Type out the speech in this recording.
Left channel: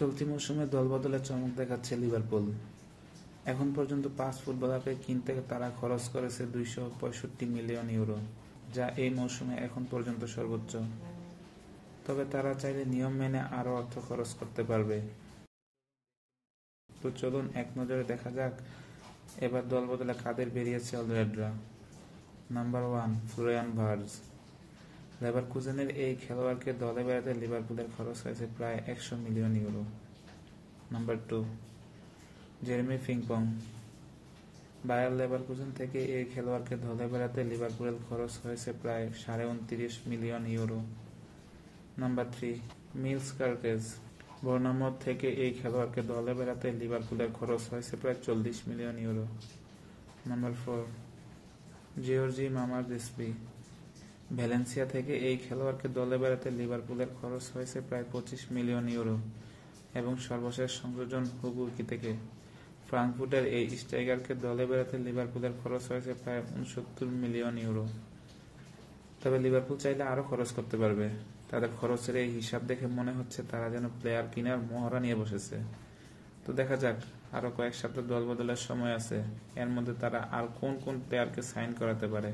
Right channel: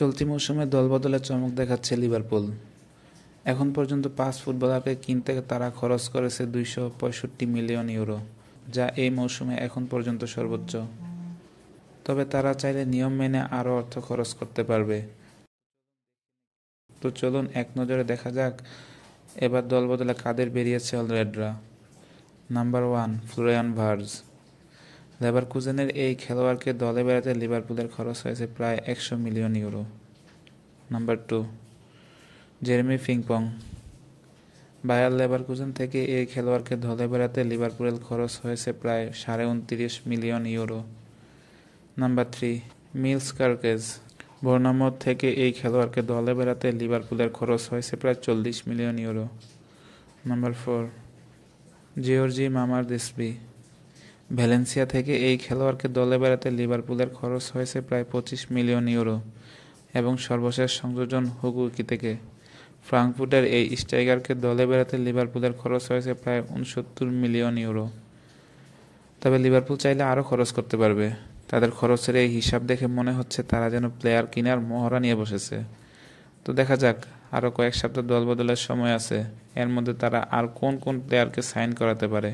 চলতি মৌসুমে দলবদলে চমক দেখাচ্ছে লিভারপুল। এখন পর্যন্ত 5 ফুটবলারকে কিনতে তারা খরচ করেছে 265 মিলিয়ন ইউরো, যা এই মৌসুমে এখন পর্যন্ত সর্বোচ্চ। তবে তারা চাইলে নিয়ম মেনে আরও অর্থ খরচ করতে পারবে। তো চলুন এক নজরে দেখা যাক এবার দলবদলে কাদের বেরিয়েছে অলরেডরা। Number 1, Florian ভার্টজ। লেভারকুজেনের এই খেলোয়াড়কে দলে বেড়াতে লিভারপুলের খরচ হয়েছে প্রায় 100 million euro. Number 2, Jeremy Frimpong. Bayer Leverkusen থেকে এই খেলোয়াড়কে দলে বেড়াতে লিভারপুলের খরচ হয়েছে প্রায় 29.5 million euro. Number 3, Milos Kerkez. Bournemouth থেকে এই খেলোয়াড়কে দলে বেড়াতে লিভারপুলের খরচ হয়েছে প্রায় 40 million euro. Number 4, জিওর্জি Mamardashvili. Valencia থেকে এই খেলোয়াড়কে দলে বেড়াতে লিভারপুলের খরচ হয়েছে প্রায় 25 মিলিয়ন ইউরো। এবং সর্বশেষ সংযোজন হুগো একিতিকে। ফ্রাঙ্কফুর্টের এই স্ট্রাইকারকে দলে বেড়াতে লিভারপুলের খরচ হয়েছে প্রায় 69 মিলিয়ন ইউরো। তবে লিভারপুল চাইলে আরও খরচ করতে পারবে। তাদের খরচের এই হিসাব দেখে মনে হচ্ছে তারা যেন প্লেয়ার কেনার মহড়া নিয়ে বসেছে। তো দেখা যাক, আরও কয়েক সপ্তাহ দলবদলের সময় আছে, এর মধ্যে তারা আর কোন কোন প্লেয়ারকে সাইন করাতে পারে।